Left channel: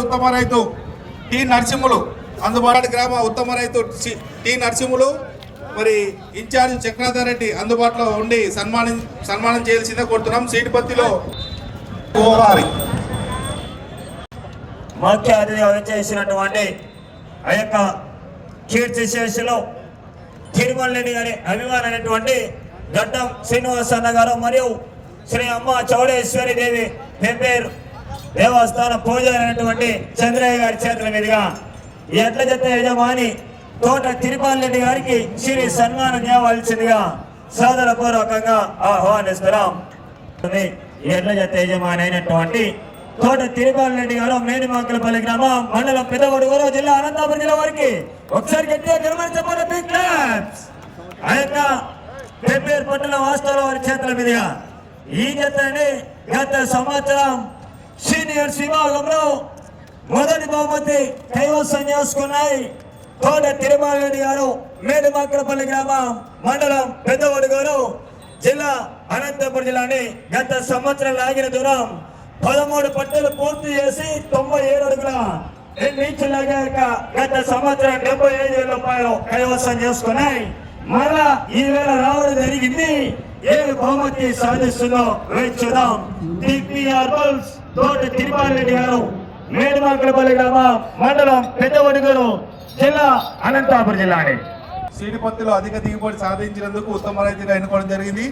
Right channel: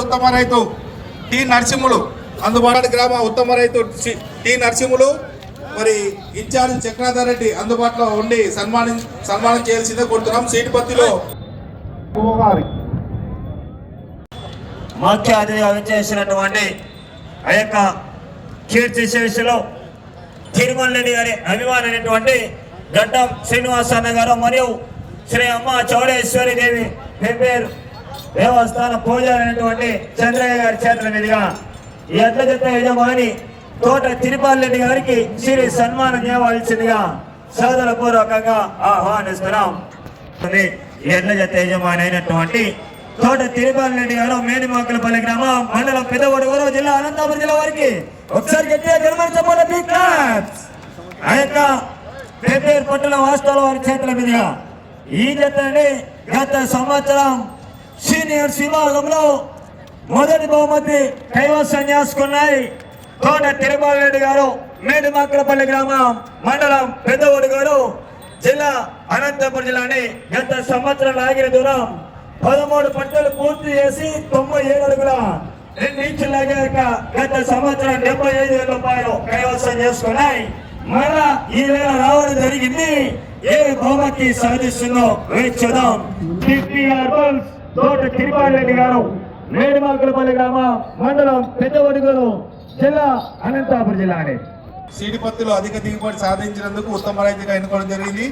ఉత్తమ రైతు టి నరసింహులు అందుబాటు గ్రామ ఉత్తమ రైతు టి నరసింహులు మరి ఇన్ఛార్జ్ చక్రాధర్ రెడ్డి అందుబాటులో ఉండి సన్మానం సన్మానం చేయాల్సిందే కోరుతున్నాం. సీటు పత్తిలో ముఖ్య అతిథిగా వచ్చేసినటువంటి ఆ యొక్క కీర్తి శేషులు తిరుమల రెడ్డి గారి అభిమానైనటువంటి గడ్డం శ్రీనివాస అన్న గారు మరియు శ్రీ అమ్మ చౌడేశ్వరి దేవి పెబ్బేరు దేవస్థాన పూజ అయినటువంటి చంద్రయ్య గారి చేతుల మీదుగా ఈ ఎడ్ల జత యజమాని తోట తిరుపాల్ రెడ్డి గారికి శ్రీ సన్మానం చేయవలసిందిగా సోదర పూర్వకంగా ఆహ్వానిస్తున్నాం. ఈ ఎడ్ల జత యజమాని అయినటువంటి తోట తిరుపాల్ రెడ్డి గారు మేడిమాకులపల్లి గ్రామం మండలం పెద్దగొడుగురు జిల్లా అనంతపురం జిల్లా వారికి ఒకసారి గట్టిగా గమనించబోతే ఆ యొక్క వాస్తవాల వారి చేతుల మీదుగా ఈ జతని గత సంవత్సరం సీనియర్ విభాగంలో మొదటి బహుమతి కైవసం చేసుకున్నాయి తోట తిరుమలరెడ్డి గారు మేడిమాకులపల్లి గ్రామం మండలం పెద్దగొడుగురు జిల్లా అనంతపురం జిల్లాని గత సంవత్సరం లాగిన దూరం పదమూడు పట్టలు పూర్తి చేసి తొంభై ఏడు అడుగుల రెండు ఇంచులు లాగాక గత సంవత్సరం డెబ్బై ఐదు వేల రూపాయలు కైవసం చేసుకున్నాయి. మళ్ళా ఈ వేళ రావడం జరిగింది. ఏ బహుమతి సాధిస్తుందో వేచి చూద్దాం టిపిఆర్ బల్స్ తోట తిరుపారెడ్డి గారు మేడిమాకులపల్లి గ్రామ మండలం పెద్దవడుగురు జిల్లా అనంతపురం జిల్లా అండి సీడిపత్తిలో అధిక దిగుబడి సాధించినందుకు ఉత్తమ రైతుగా ఎన్నుకోవడం జరిగింది.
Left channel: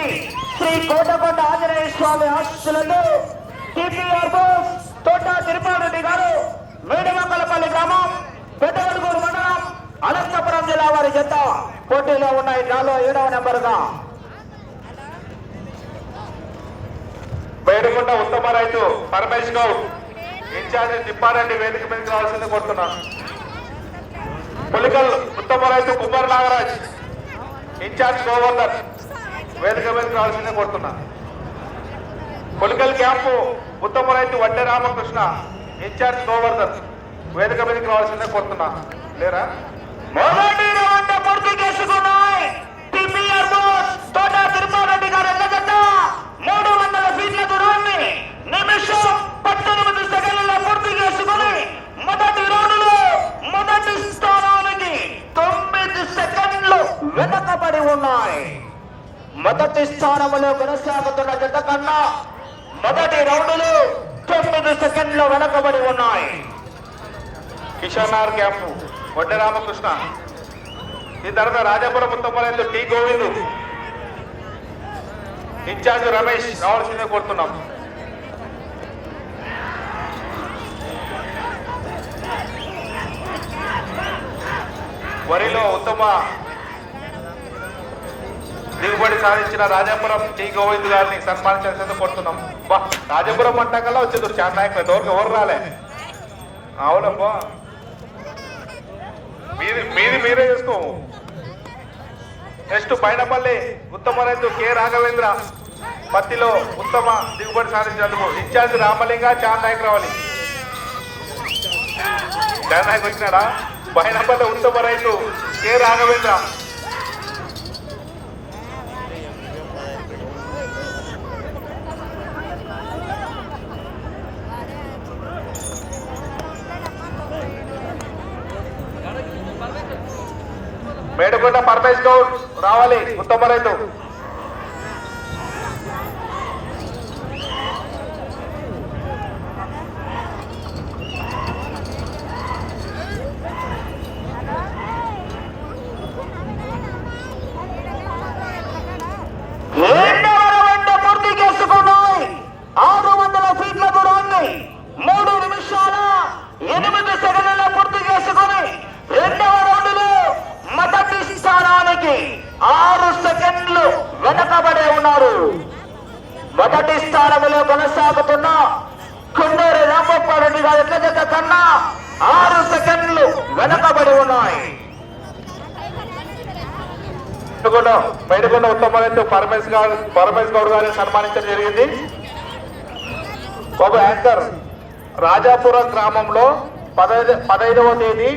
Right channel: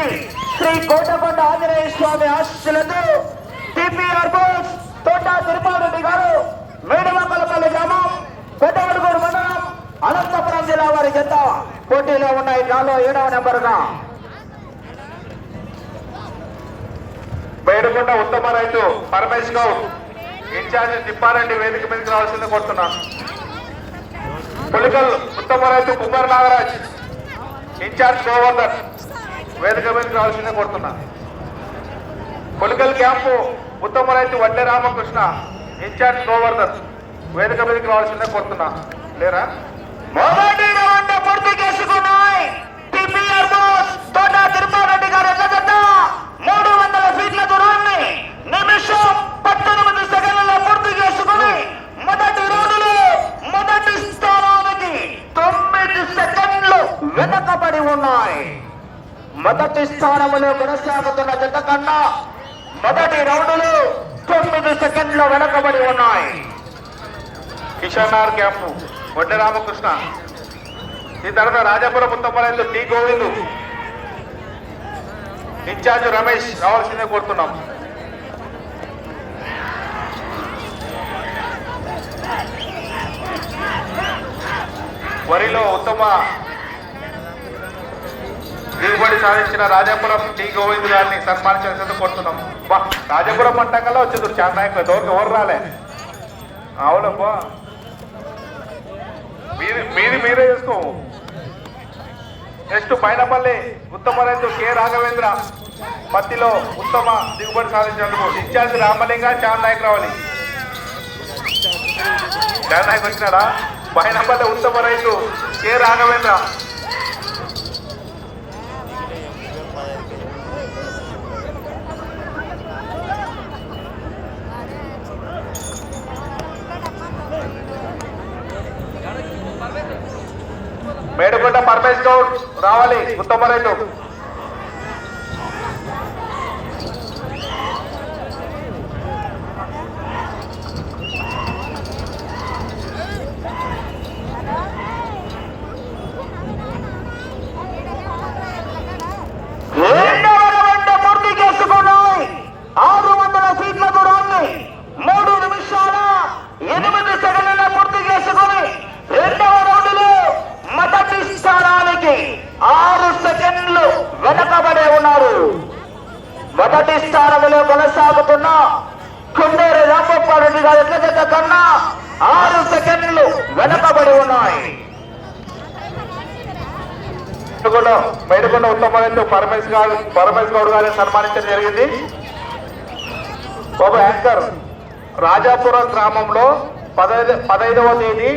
అయినటువంటి శ్రీ కోటకొండ ఆంజనేయ స్వామి ఆశీస్సులతో టిపిఆర్ బోస్ తోట తిరుపారెడ్డి గారు మేడమక్కలపల్లి గ్రామం పెద్దవడుగూరు మండలం అనంతపురం జిల్లా వారి జత పోటీలో ఉన్నాయి. డ్రాలో ఏడవ నెంబరుగా. బయటకొండ ఉత్తమ రైతు పరమేశ్ గౌడ్ ఇన్ఛార్జ్ తిప్పారెడ్డి వేదిక మీదకి రావాల్సింది కోరుతున్నాను. పులికల్ ఉత్తమ రైతు కుమార్ నాగరాజ్ ఇన్ఛార్జ్ గోవర్ధన్ వేదిక మీదకి రావాల్సిందే కోరుతున్నా. కొలికల్ క్యాంపు ఉత్తమ రైతు వడ్డే రామకృష్ణ ఇన్ఛార్జ్ గోవర్ధన్ వేదిక మీదకి రావాల్సిందే కోరుతున్నా. లేరా? మొదటి రౌండ్ పూర్తి చేసుకున్నాయి. టిపిఆర్ బోస్ తోట తిరుపారెడ్డి గారు ఎల్లగడ్డ. మూడు వందల ఫీట్ల దూరాన్ని నిమిషం పద్దెనిమిది సెకండ్లలో పూర్తి చేసుకుని మొదటి రౌండ్లో మొదటి స్థానానికి తొమ్మిది సెకండ్లు వెనకబడి ఉన్నాయి. మొదటి స్థానంలో కొనసాగుతున్న జత కన్నా మొదటి రౌండ్లు తొమ్మిది సెకండ్లు వెనకబడి ఉన్నాయి. కిషన్ ఆర్ క్యాంపు వడ్డ రామకృష్ణ. ఈ తర్వాత రాజాపురం ఉత్తమ టి గోవిందు. ఇన్ఛార్జ్ రమేష్ రావాల్సిందే కోరుతున్నాం. వరిలో ఉత్తమ దిగుబడి సాధించిన రాజాపురం టి గోవింద్ గారిని సన్మానించాల్సిందే కోరుతున్నాం. బా రాజాపురం అంటాకల్లా వచ్చింది. చాలా నాయకులు ఎవరికి ఎవరు రాలే? అవునబ్బా మీది మీది మీరే చేసుకో. నెక్స్ట్ పైనపల్లి ఉత్తమ రైతు కె రాఘవేంద్ర పత్తిలో ఉత్తమ దిగుబడి సాధించినందుకు ఇన్ఛార్జ్ రామలింగ చాన్ నాయక్ రావాలి చాన్ నాయక్ వచ్చినాడా? పైనపల్లి ఉత్తమ రైతు కె రాఘవేంద్ర రావాలి ఉత్తమ రైతు ఎనిమిది సెకండ్ల పూర్తి చేసుకొని రెండవ రౌండ్లో మొదటి స్థానానికి ఆరు సెకండ్లు వెనకబడి ఉన్నారు మొదటి స్థానంలో కొనసాగుతున్న కుండేరు రామప్పారెడ్డి గారి ఎట్ల కన్నా ఆరు సెకండ్లు వెనకబడి ఉన్నాయి. మేడుకొండ ఉత్తమతో పరమేశ్ గారు పరమేశ్ గౌడ్ గారిని సన్మానించడం జరిగింది. ఒక యాంకర్ రాజాపురం గ్రామంలో పదహైదు పదహైదవ తేదీ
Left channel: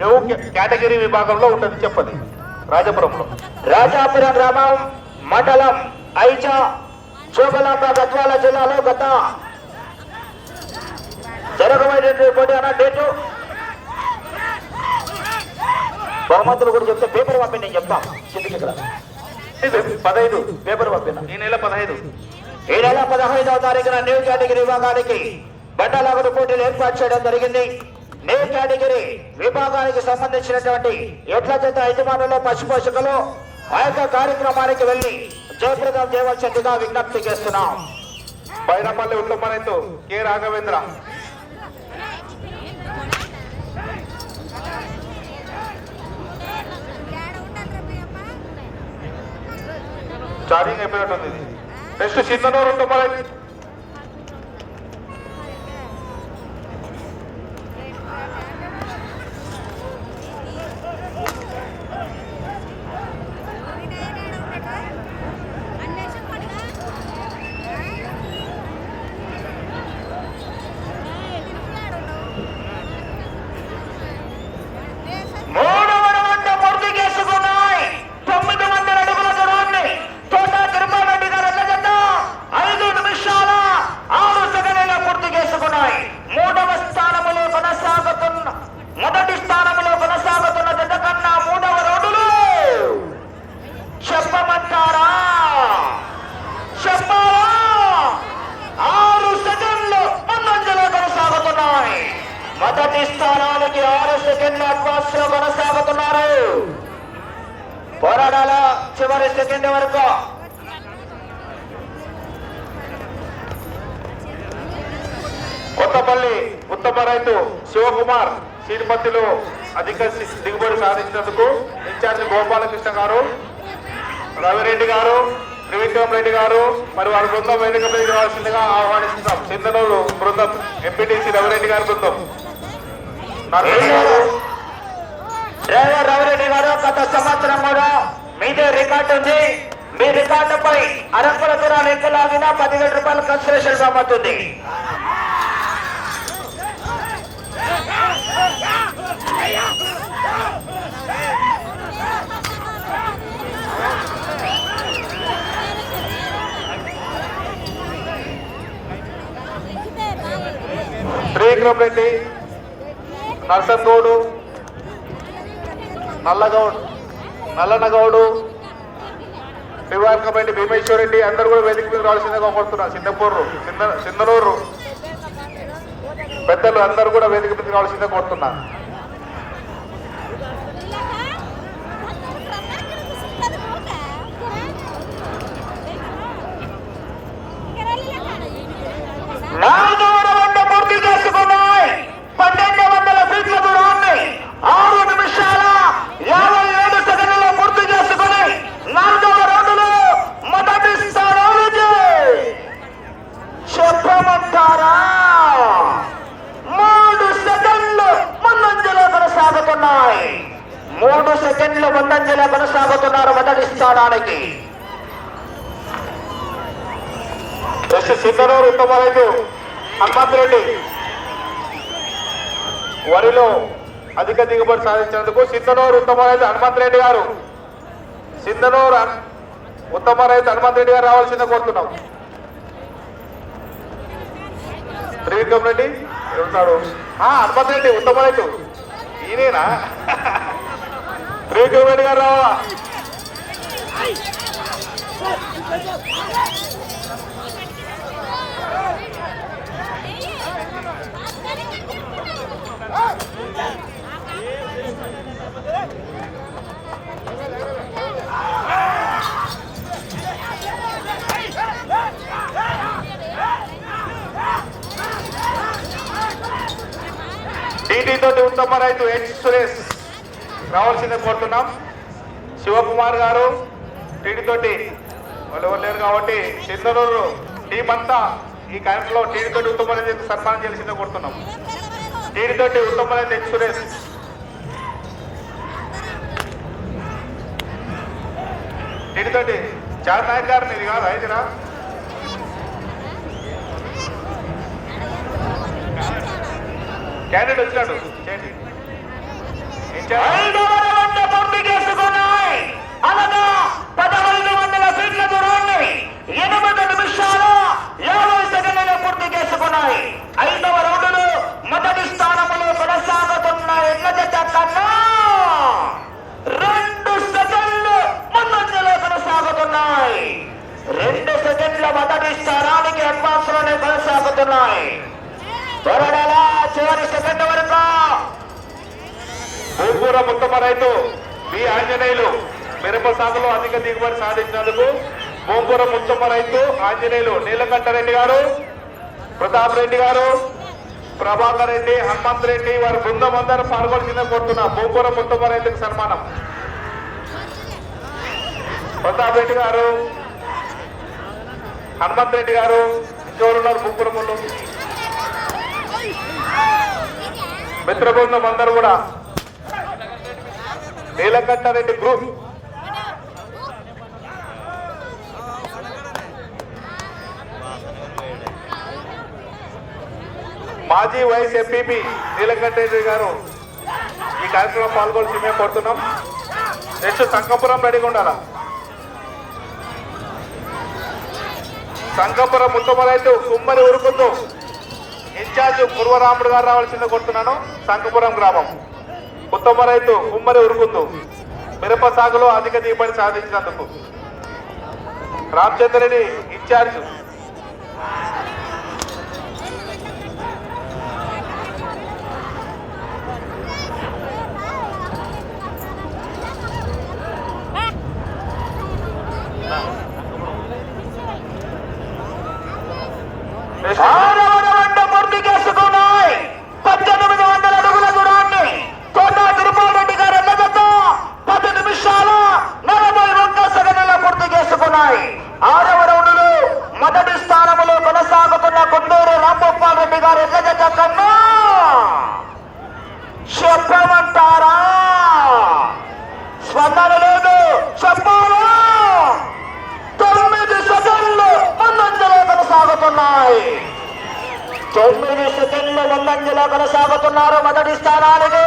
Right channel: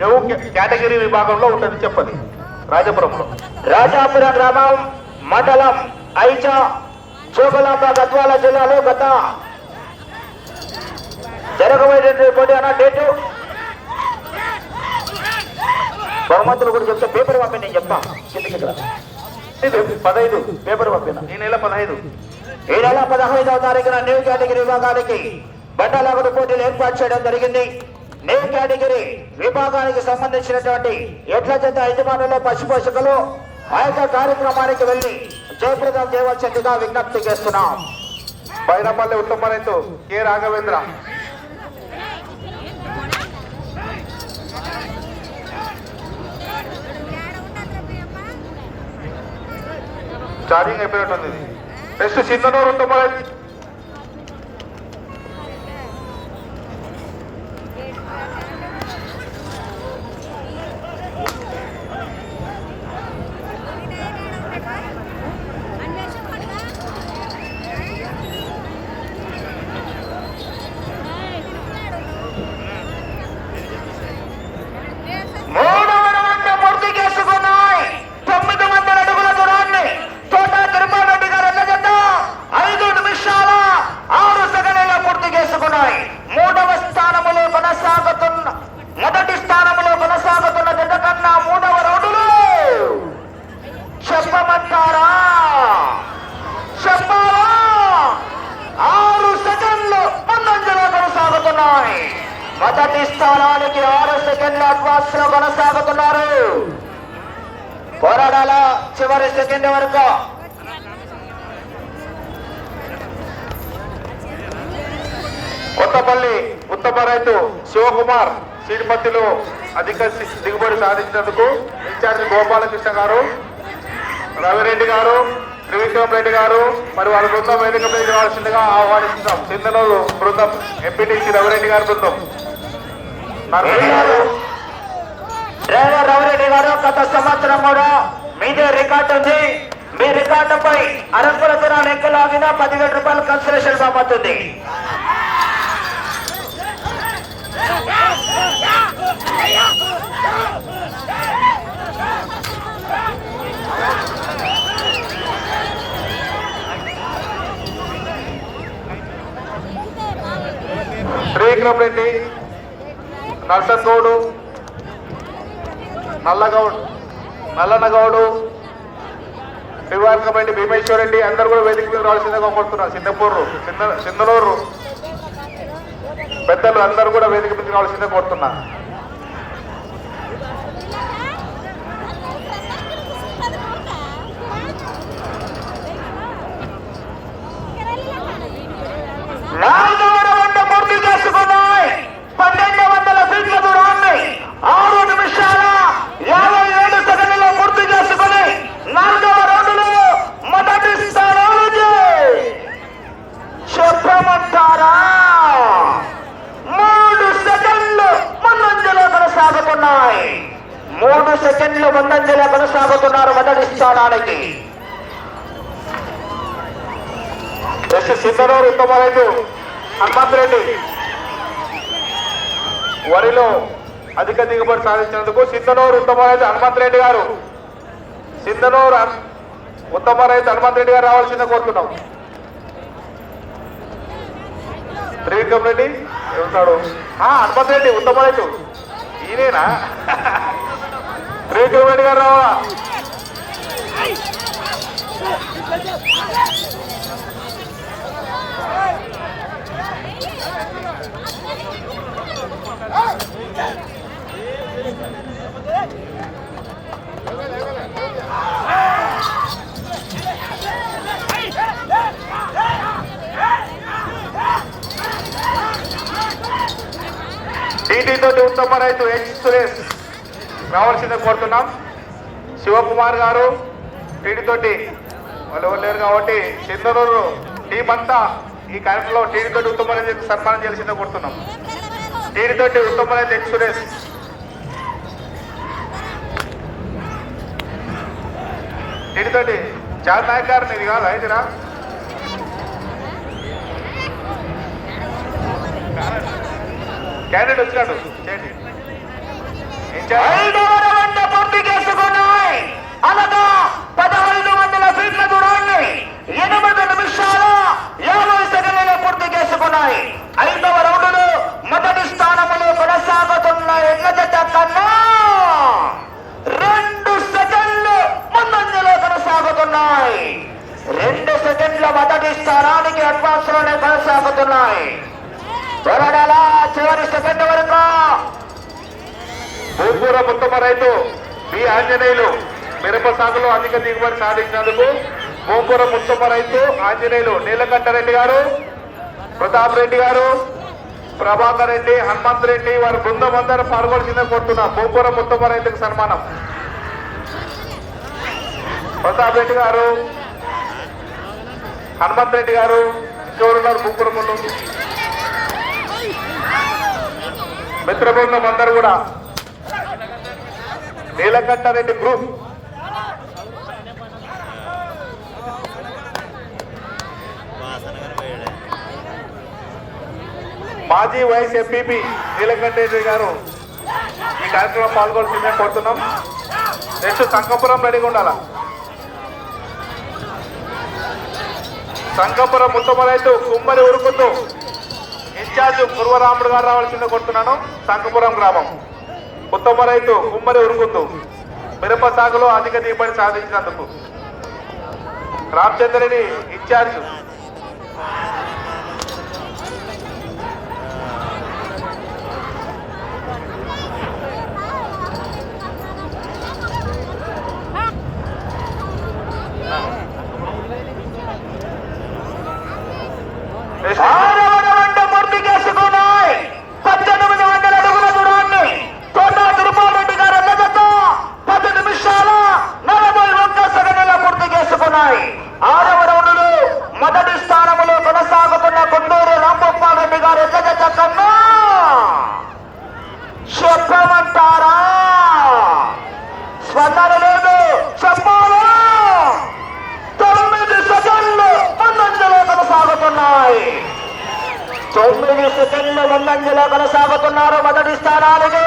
న్యూ కేటగిరీ విభాగంలో ఉంటుంది చెప్పండి. రాజాపురంలో. రాజాపురం గ్రామం మండలం ఐచా చేపలాట గద్వాల జిల్లాలో గత జరగబోయేటువంటి అన్న డేటు. బహుమతులు కూడా చెప్తే పేపర్ పంపి నేను చెప్తా. కిందికి పదహైదు. పేపర్ పంపిన? ఈ నెల పదహైదు. ఈ నెల పదహైదవ తారీఖున న్యూ కేటగిరీ విభాగానికి బండలాగుడు పోటీలు ఏర్పాటు చేయడం జరిగింది. న్యూ కేటగిరీ విభాగానికి సంబంధించినటువంటి ఎడ్ల జత యజమానులు పశు పోషకులు ఆ యొక్క కార్యక్రమానికి వెళ్ళి జయప్రదాం దేవచండిగా విజ్ఞప్తి చేస్తున్నాం. బైరపల్లి ఉత్తమరైతు కె రాఘవేంద్ర. ఛార్జింగ్ అయిపోయినట్టుంది. నెక్స్ట్ చిన్ననూరు ఉత్తమ రైతు వడవంట పూర్తి చేసుకున్నాయి తొమ్మిది వందల అడుగుల దూరాన్ని తోట తిరుమలరెడ్డి గారు ఎన్న జత ఐదు నిమిషాల ఆరు సెకండ్ల పూర్తి చేసుకున్నాయి మూడవ స్థానములో కొనసాగుతున్న మొదటి స్థానములో కొనసాగుతున్న జత కన్నా మూడవ రౌండులు చెప్పమంటారా చెప్పాలా ఆరు సెకండ్లు ముందంజలో కొనసాగుతున్నాయి మొదటి స్థానానికి ఆరు సెకండ్ల అడ్వాన్స్లో కొనసాగుతున్నారు పోరాడాల చివరి సెకండ్ వరకు కొత్తపల్లి ఉత్తమ రైతు కుమార్ సీడిపత్తిలో అధిక దిగుబడి సాధించినందుకు ఇన్ఛార్జి గోపాలకృష్ణ గారు రవిరెడ్డి గారు త్రివిక్రమ్ రెడ్డి గారు మరి వారి బృందం వేదిక మీద రావాల్సిందిగా ఆహ్వానిస్తున్నాం. చింతనూరు బృందం ఎంపీటీసీ రవిరెడ్డి గారి బృందం. గారు డ్రైవర్ రవిరెడ్డి గారు గత సంవత్సరం కూడా మీదే రికార్డు ఉంది. మీ రికార్డుపై అరంకుల దూరాన్ని ఎక్కులాగిన పదివేల రూపాయలు కన్సలేషన్ అమ్ముతుంది త్రివిక్రమ్ రెడ్డి నర్సంగౌడు నల్లగౌడ్ నల్లనగౌడు శ్రీవారకపల్లి భీమేశ్వర రెడ్డి అందరూ కూడా వేదిక మీద రావాల్సిందిగా కోరుతున్నారు సింగపూర్ సింగనూరు పెద్దలు అందరూ కూడా వేదిక మీద రావాల్సిందిగా కోరుతున్నారు నాలుగవ రౌండ్ పూర్తి చేసుకున్నాయి పన్నెండు వందల ఫీట్ల దూరాన్ని ఆరు నిమిషాల యాభై ఏడు సెకండ్లలో పూర్తి చేసుకుని నాలుగవ రౌండ్లో మొదటి స్థానానికి చెప్పమంటారా మూడు సెకండ్లు ముందంజలో కొనసాగుతున్నాయి మూడు సెకండ్లు ముందంజలో కొనసాగుతున్నారు మొదటి స్థానానికి. నెక్స్ట్ సింగనూరు హనుమంత్ రెడ్డి. వరిలో అధిక దిగుబడి సాధించేందుకు సిద్ధనూరు ఉత్తమరాజు హనుమంత్ రెడ్డి గారు. సిద్ధనూరు ఉత్తమరాజు హనుమంత్ రెడ్డి గారు రావాల్సింది కోరుతున్నాం. త్రివిక్రమ్ రెడ్డి ఉన్నాడు? హనుమంత్ రెడ్డి ఉత్తమరాజు. ఈయనేనా? రేటు వెంట గారు రావా టీటీతో ఉత్తమ రైతు హెచ్ సురేష్. రావాల్సిందే కోరుతున్నాం. శివకుమార్ గారు టీడీతోటి వాళ్ళు ఎవరు లేరు కాబట్టి చంద్రూరు టీం అంతా ఈ కార్యక్రమంలో టీడీతోటి ఉత్తమ సన్మానం చేయాల్సిందే కోరుతున్నాం. టీడీతోటి తోటి ఉత్తమ టీడీతోటి చాలా నాయక్ గారిని ఇది కాదు అయితేరా క్యాండిడేట్ వచ్చినాడు. ఐదు ఏం చేయాలి? ఐదవ రౌండ్ పూర్తి చేసుకున్నాయి. అనగా పదహైదు వందల ఫీట్ల దూరాన్ని ఎనిమిది నిమిషాల యాభై సెకండ్లలో పూర్తి చేసుకున్నాయి. ఐదవ రౌండ్లో మొదటి స్థానంలో కొనసాగుతున్న ఎడ్ల జత కన్నా రెండు సెకండ్లు ముందంజలో కొనసాగుతున్నాయి. రెండు సెకండ్ల మొదటి స్థానానికి అడ్వాన్స్లోనే కొనసాగుతున్నాయి. త్వరడలా చివరి సెకండ్ వరకు ఉత్తమ రైతు. బి ఆంజనేయులు మిరప సాగులో అధిక దిగుబడి సాధించినందుకు భూపూర ఉత్తమ రైతు ఆంజనేయులు నీలకంఠరెడ్డి గారు ప్రతాప్ రెడ్డి గారు ప్రభాకర్ రెడ్డి హనుమంత్ రెడ్డి వారి బృందం అందరూ పాల్గొల్సిందే కోరుతున్నా భూపూర ఉత్తమ రైతుకు సన్మానం. ప్రతాప్ రెడ్డి గారు హనుమంత్ రెడ్డి గారు ఇంకెవరున్నారు భూపురములు మిత్ర బృందం అందరూ కూడా. నీలకంఠారెడ్డి గ్రూప్. మాజీ వైస్ ఎంపీపీ నీలకంఠరెడ్డి గారు ఈ కార్యక్రమం పాల్గొంటుందని కోరుతున్నాం. నెక్స్ట్ సంకపురం రెడీగా ఉండాల? సంకపురం ఉత్తమరైతు కుమ్మరి ఉరుకుతూ ఇన్ఛార్జ్ పూర్వరాముడు గారు రావాల్సిందే కోరుతున్నాను. సంకపురం గ్రామం. ఉత్తమ రైతు ఉమ్మరి ఉరుకుందు మిరప సాగులో అధిక దిగుబడి సాధించినందుకు. రామచంద్రుని ఇన్ఛార్జ్ ఆరవ రౌండ్ పూర్తి చేసుకున్నాయి పద్దెనిమిది వందల అడుగుల దూరాన్ని కొండా తిరుపారెడ్డి గారు ఎన్నగత పది నిమిషాల నలభై ఒక్క సెకండ్ల పూర్తి చేసుకున్నాయి ఆరవ రౌండ్లో మొదటి స్థానంలో కొనసాగుతున్న కొండూరు రాంగోపాల్ రెడ్డి గారు చెప్పమంటారా? స్పందన లేదు చెప్పాలా? తొమ్మిది సెకండ్లు ముందంజలో కొనసాగుతున్నాయి. తొమ్మిది సెకండ్లు ముందంజలో కొనసాగుతున్నారు మొదటి స్థానానికి.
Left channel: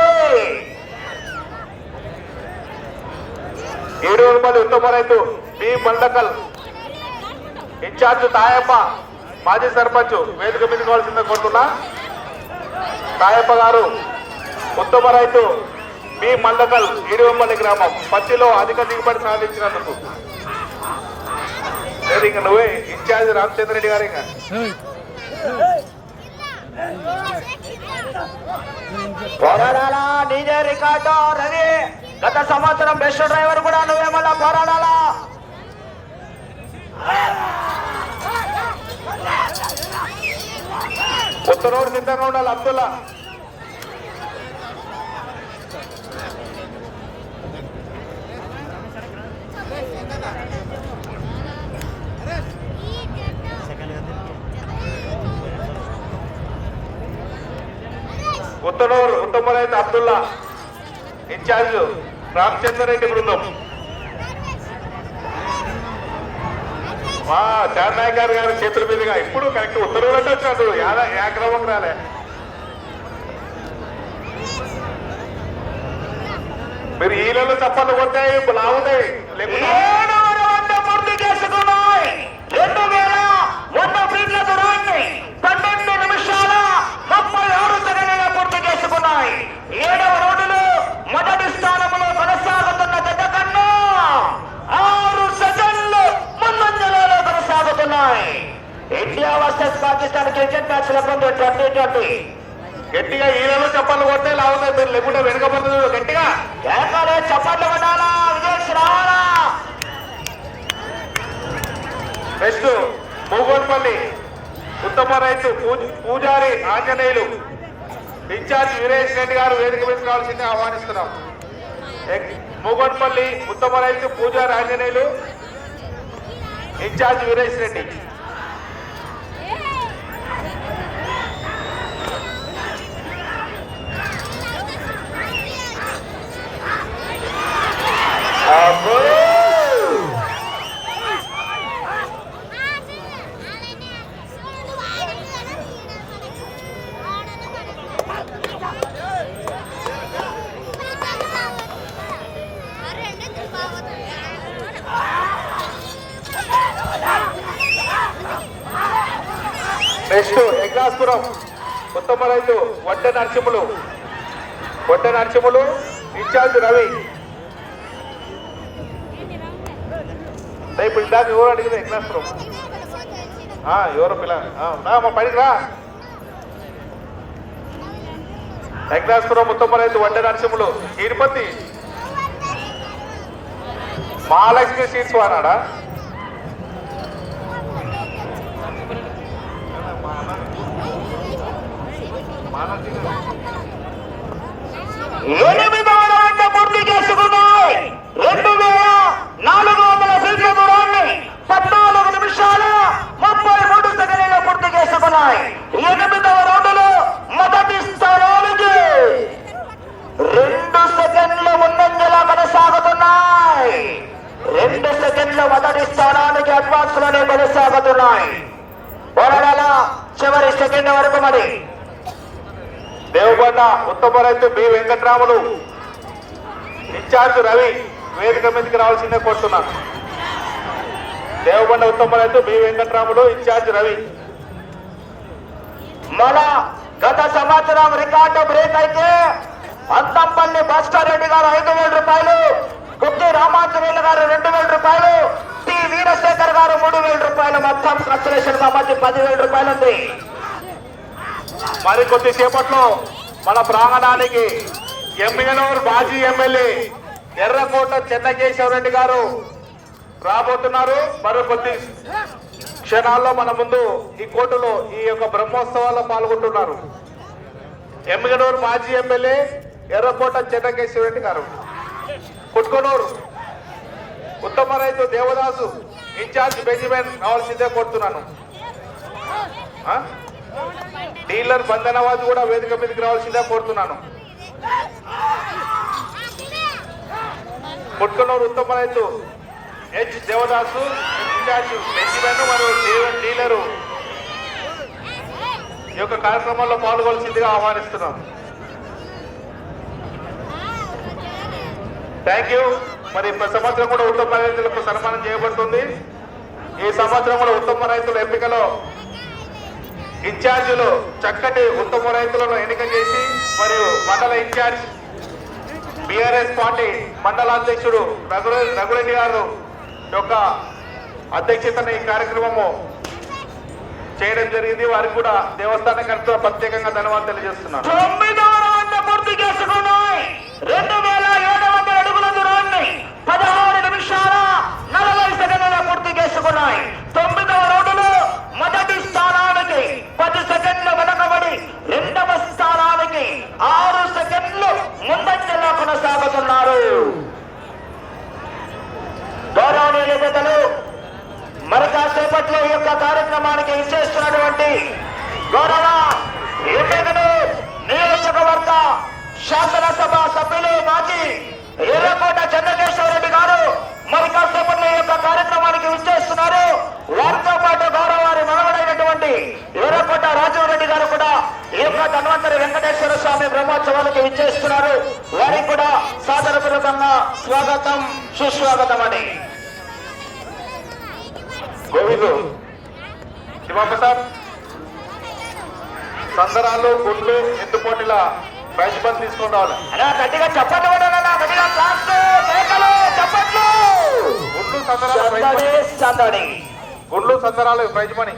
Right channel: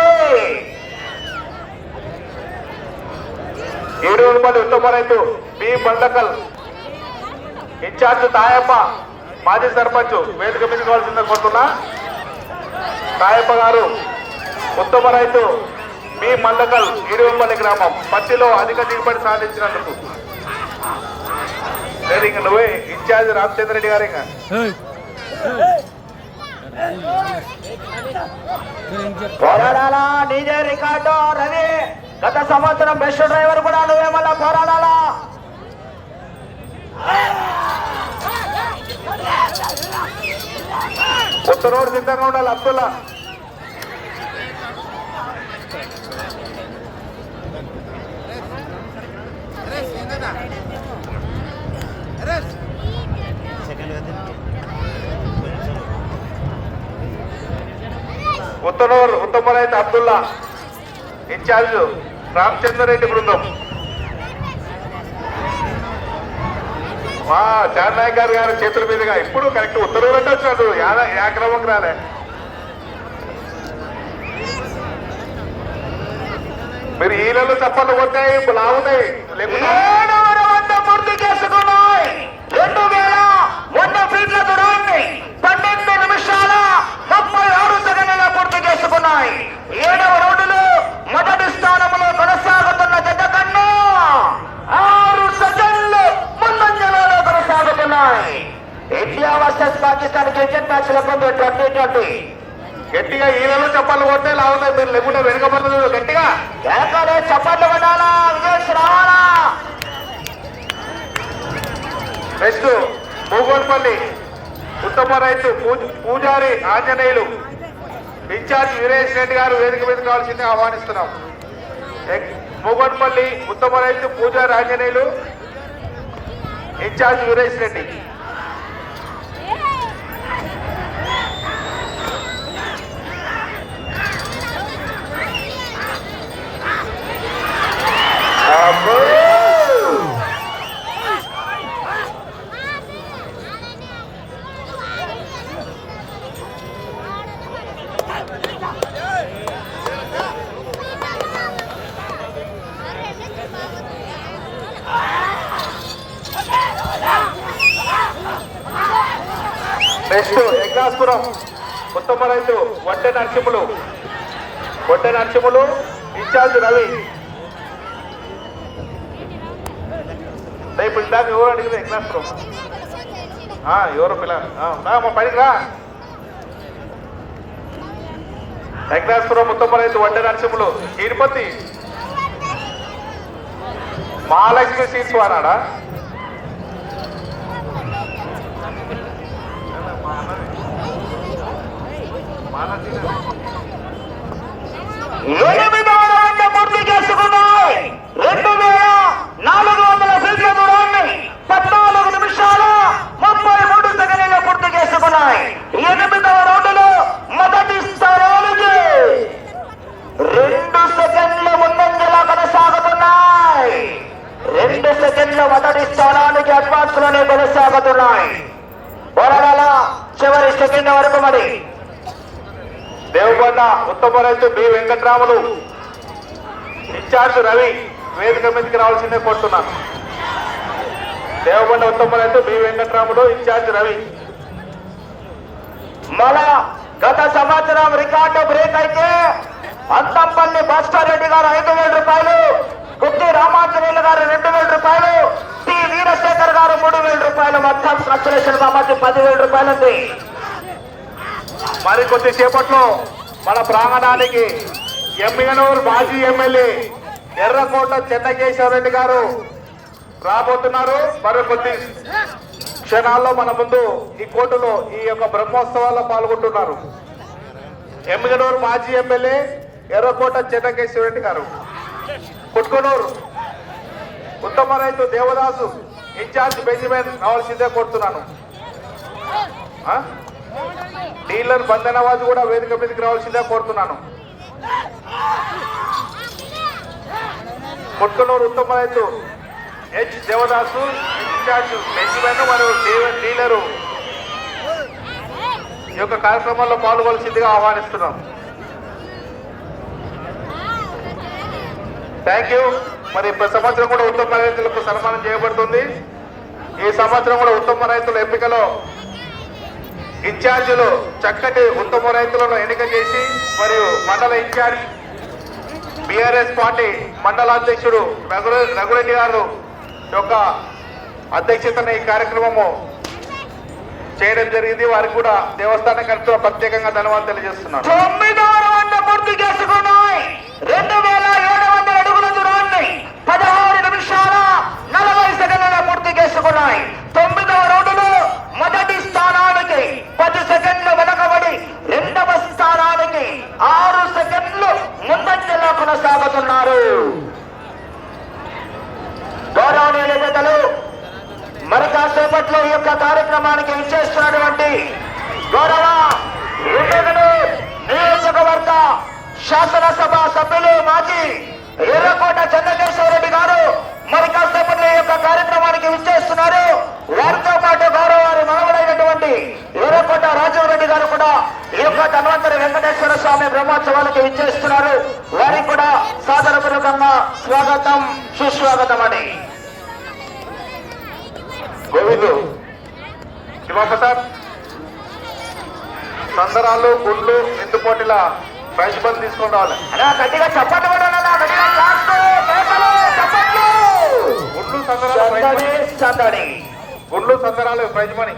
ఏడు రూపాయలు ఉత్తమ రైతు బి బందకల్ ఇన్ఛార్జ్ తాయప్ప. మాజీ సర్పంచ్ వేదిక పెట్టుకోవాల్సిందే కోరుతున్నా. తాయప్ప గారు ఉత్తమ రైతు బి మండకల్ ఇరువెంపల్లి గ్రామం పత్తిలో అధిక దిగుబడి సాధించినందుకు. లేదు ఇంక నువ్వే? ఇన్ఛార్జ్ రామచంద్ర రెడ్డి గారు ఇంకా. పోరాడాలా నీదే రికార్డు రవి? గత సంవత్సరం బెస్ట్ డ్రైవర్ కూడా నువ్వే మళ్ళా పోరాడాలా? ఉత్తరోడు సిద్ధంగా ఉండాలి అబ్దుల్లా ఉత్తనూరు ఉత్తమ రైతు అబ్దుల్లా ఇన్ఛార్జ్ రామచంద్ర రెడ్డి బృందం మా చార్నాయక్ గారు గారి చేతుల మీదుగా ఇప్పుడు కరెక్ట్ ఉత్తర్వులు అంటే వచ్చినాడు యాద యాక్రమం రాలే. మీరు ఈలలో చప్పట్లు కొట్టాయి లాగుతాయి. లేకపోతే ఏడవ రౌండ్ పూర్తి చేసుకున్నాయి రెండు వేల వంద ఫీట్ల దూరాన్ని పన్నెండు నిమిషాల ముప్పై ఆరు సెకండ్ల పూర్తి చేసుకున్నాయి ఏడవ రౌండ్లో మొదటి స్థానంలో కొనసాగుతున్న జత కన్నా ఆరు సెకండ్లు ముందంజలో కొనసాగుతున్నాయి India versus Pakistan cricket match లెక్కుంది twenty twenty గట్టిగా ఈలలో చప్పట్లు కొడితే లాగుతాయి మీరు లేకుంటే వెనుకబడుతుంది గట్టిగా కేకలే చప్పట్లు కొట్టాలా విజయ్ రావాలా నెక్స్ట్ మూగోన్పల్లి పూజారి ఆంజనేయులు ఇన్ఛార్జ్ వీరేష్ రెడ్డి గారు వేదిక మీద కావాల్సింది ఆహ్వానిస్తున్నాం. ఎక్- ఉత్తమ రైతు పూజారి ఆంజనేయులు ఇన్ఛార్జ్ వీరేష్ రెడ్డి. పనిరా రా, మా రైతు నరసింహులు తిరుపతి మహాలక్ష్మి తీసుకున్నాడా ఎనిమిదవ పూర్తి చేసుకున్నాయి రెండు వేల నాలుగు వందల ఫీట్ల దూరాన్ని పద్నాలుగు నిమిషాలు ముప్పై మూడు సెకండ్లలో ఎనిమిదవ రౌండ్లో మొదటి స్థానానికి రెండు సెకండ్ల ముందంజలా కొనసాగుతున్నాయి. రెండు సెకండ్లు మొదటి స్థానానికి అడ్వాన్స్లోనే కొనసాగుతున్నాయి వరగల చివరి సెకండ్ వరకు మరి. దేవబంద ఉత్తమ రైతు బి. వెంకట్రాములు. ఇన్ఛార్జ్ రవి వేదిక మీదకి రావాల్సిందే కోరుతున్నాను. దేవబండ ఉత్తమ రైతు బి. వెంకట్రాములు ఇన్ఛార్జ్ రవి. మన గత సంవత్సరం రికార్డు బ్రేక్ అయితే అంతంపల్లి భాస్కర్ రెడ్డి గారు ఐదు వేల రూపాయలు గుత్తి రామాంజనేయులు గారు రెండు వేల రూపాయలు టి వీరశేఖర్ గారు మూడు వేల రూపాయలు మొత్తం కన్సలేషన్ కాబట్టి పదివేల రూపాయలు ఉంది మరి కొద్దిసేపట్లో మన ప్రాంగణానికి ఎమ్మిగనూరు మాజీ ఎమ్మెల్యే ఎర్రకోట చెన్నకేశ్వరరెడ్డి గారు రాబోతున్నారు. మరి కొద్ది క్షణాల్లో మన ముందు ఈ కోటలో ఈ యొక్క బ్రహ్మోత్సవాల్లో పాల్గొంటున్నారు. ఎమ్మిగనూరు మాజీ ఎమ్మెల్యే ఎర్రకోట చెన్నకేశ్వరరెడ్డి గారు. కుట్కొనూరు ఉత్తమ రైతు దేవదాసు ఇన్ఛార్జ్ బెంజమిన్ రావాల్సిందే కోరుతున్నాను. డీలర్ బంధనవాజు కూడా వేదిక మీదకి రావాల్సిందే కోరుతున్నాను. కుట్కనూరు ఉత్తమ రైతు హెచ్ దేవదాసు ఇన్ఛార్జ్ బెంజిమెన్ మరియు డీలరు ఈ యొక్క కార్యక్రమంలో పాల్గొల్సిందిగా ఆహ్వానిస్తున్నాం. థ్యాంక్ యూ మరి సంవత్సరం కూడా ఉత్తమ రైతులకు సన్మానం చేయబడుతుంది. ఈ సంవత్సరం కూడా ఉత్తమ రైతుల ఎంపికలో ఇన్ఛార్జీలు చక్కటి ఉత్తమ రైతులను ఎన్నిక చేసి మరియు మండల ఇన్ఛార్జ్ బీఆర్ఎస్ పార్టీ మండల అధ్యక్షుడు రఘురెడ్డి గారు యొక్క అధ్యక్షతన ఈ కార్యక్రమము చేయడం జరిగింది. వారికి కూడా దేవస్థానం కమిటీ ప్రత్యేకంగా ధన్యవాదాలు తెలియజేస్తున్నాను. తొమ్మిదవ రౌండ్ పూర్తి చేసుకున్నాయి. రెండు వేల ఏడు వందల అడుగుల దూరాన్ని పదహారు నిమిషాల నలభై సెకండ్ల పూర్తి చేసుకున్నాయి. తొమ్మిదవ రౌండ్లో మొదటి స్థానానికి పది సెకండ్లు వెనకబడి రెండవ స్థానానికి ఆరు సెకండ్లు ముందంజలో కొనసాగుతున్నారు. గౌరవనీయుల పెద్దలు మరి కాసేపట్లో ఈ యొక్క కార్యక్రమానికి ఇచ్చేస్తున్నటువంటి గౌరవ ఎమ్మెల్యేలు నియోజకవర్గ శాసనసభ సభ్యులు మాజీ ఎర్రకోట చంద్రకేశ్వరరెడ్డి గారు మరి కాసేపట్లో ఈ యొక్క కార్యక్రమానికి విచ్చేస్తున్నారు. వారితో పాటు గౌరవారి మనవడైనటువంటి ఎర్రకోట రాజీవ్ రెడ్డి గారు కూడా ఈ యొక్క ధన్వంతరి వెంకటేశ్వర స్వామి బ్రహ్మోత్సవాలకు విచ్చేస్తున్నారు. వారికి కూడా సాదరపూర్వకంగా స్వాగతం సుస్వాగతం అని గోవిందు శివప్రసాద్ సందరాలు గుండ్లు ఎత్తుపోటీల ప్రైజ్ బంద్ తీసుకొని రావాలి అలా గట్టిగా చప్పట్లు కూడా అన్నా, గట్టిగా క్లాప్స్, కేకలు, చప్పట్లు. గుండ్లు సందరాలు ప్రైజ్ మనీ. సందడి, సందడి. గుండ్లు సందరాలు ప్రైజ్ మనీ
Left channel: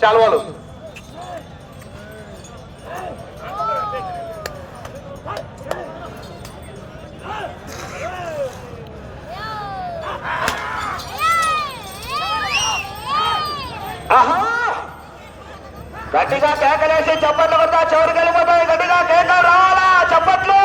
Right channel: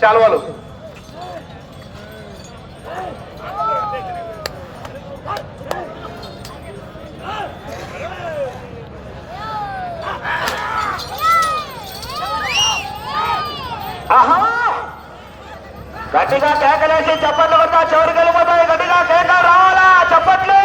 శాల్వాలు ఆహా. గట్టిగా కేకలేసి చప్పట్లు కొట్టా చెవులు కలిపోతాయి గట్టిగా కేక రావాలా? చప్పట్లు!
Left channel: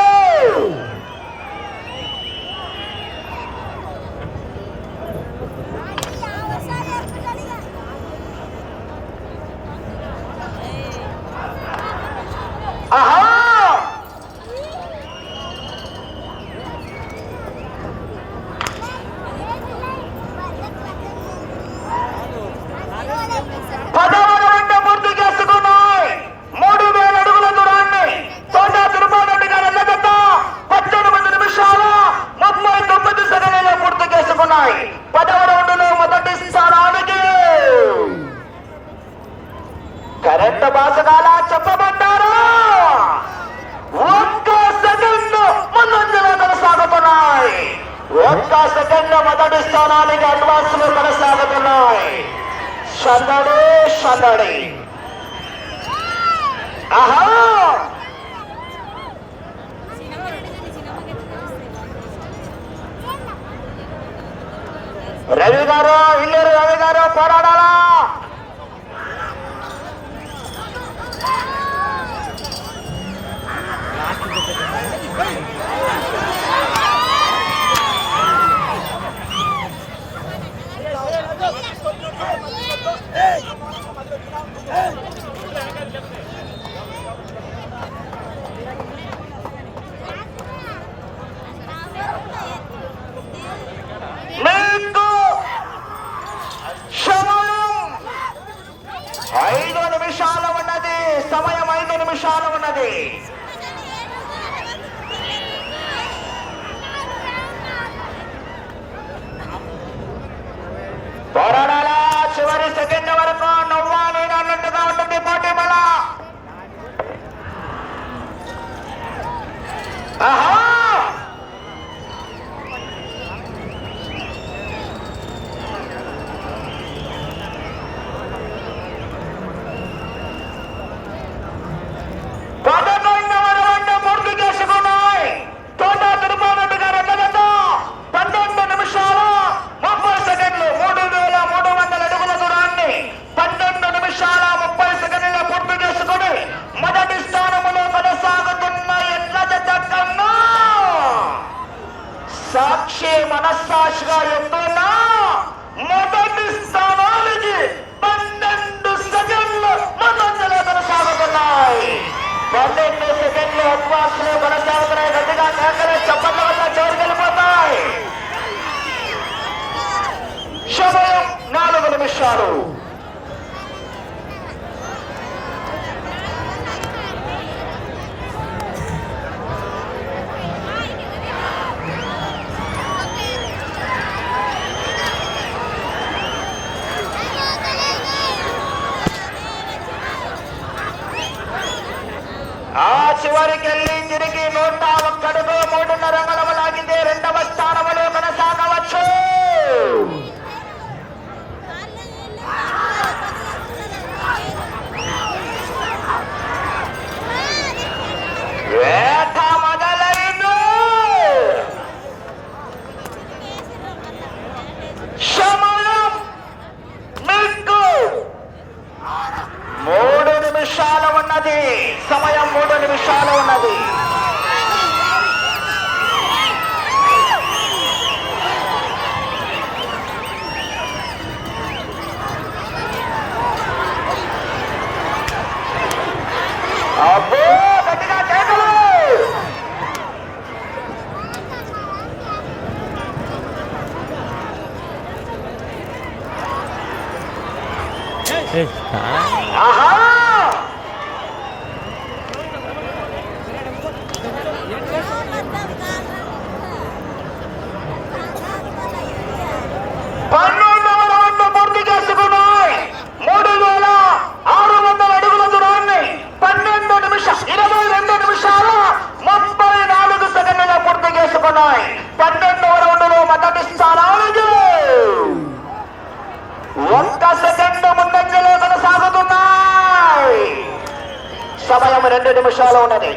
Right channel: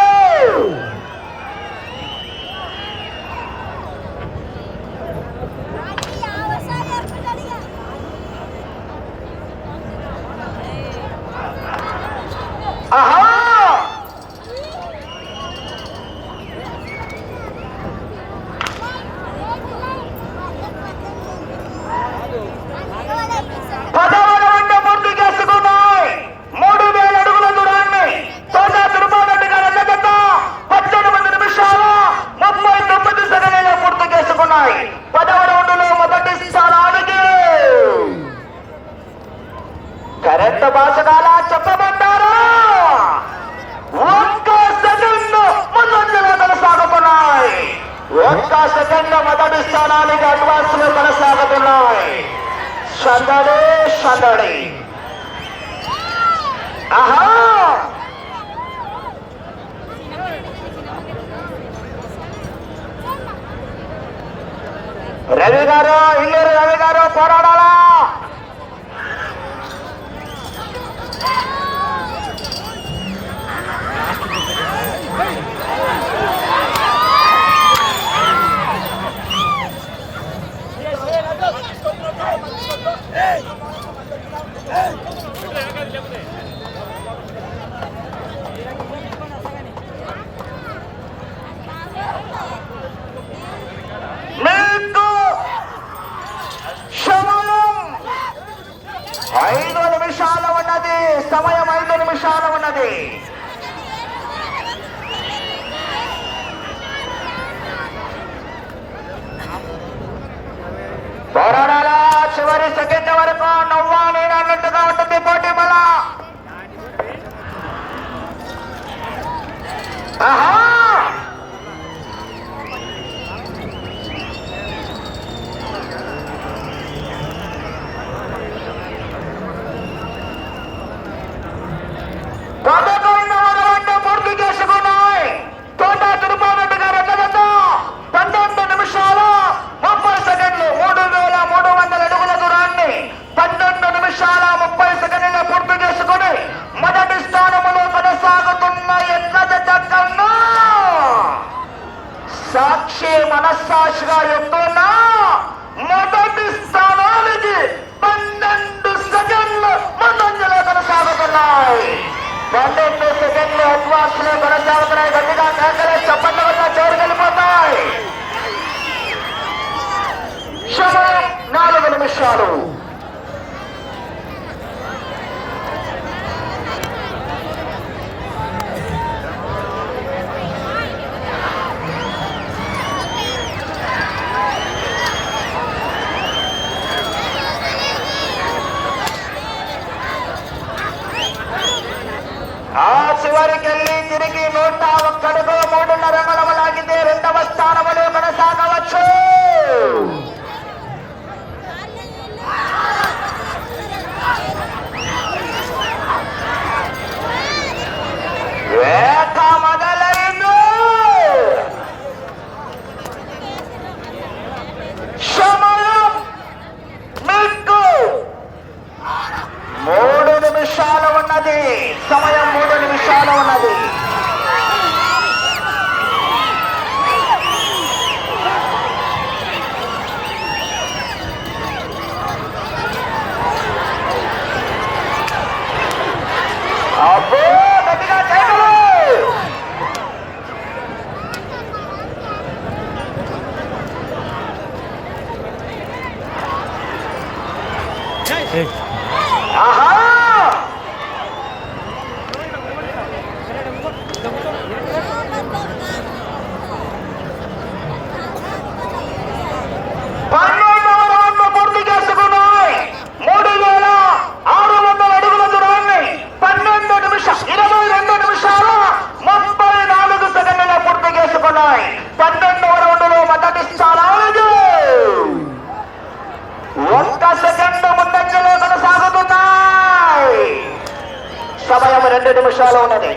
సమయం రెండు నిమిషాలు ఉన్నది.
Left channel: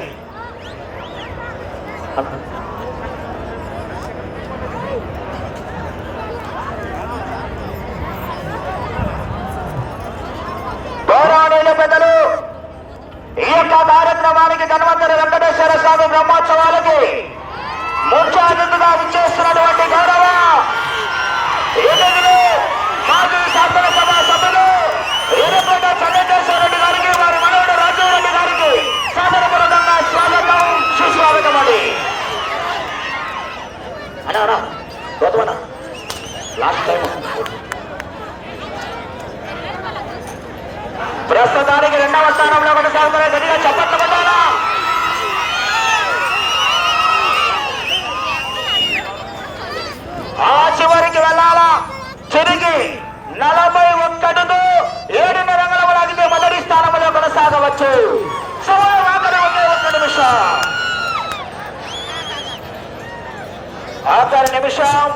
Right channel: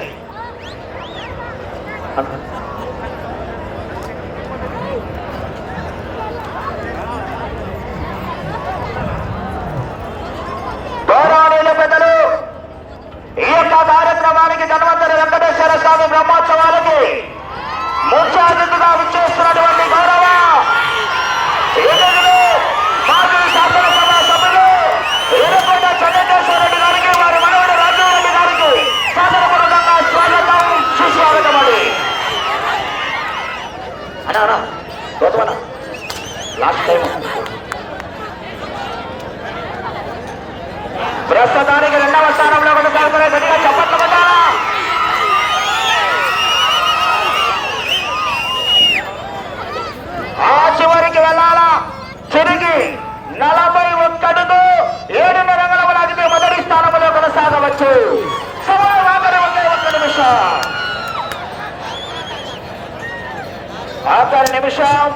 గౌరవనీయుల వెంకటేశ్వర స్వామి బ్రహ్మోత్సవాలకి ముఖ్య అతిథిగా విచ్చేస్తున్నటువంటి గౌరవ తిరిగి నలభై ఒక్కడుకు ఏడు రంగుల రాజకీయ మొదటి స్థానంలో కొనసాగవచ్చు. నిమిషం ఆఖరి నిమిషం.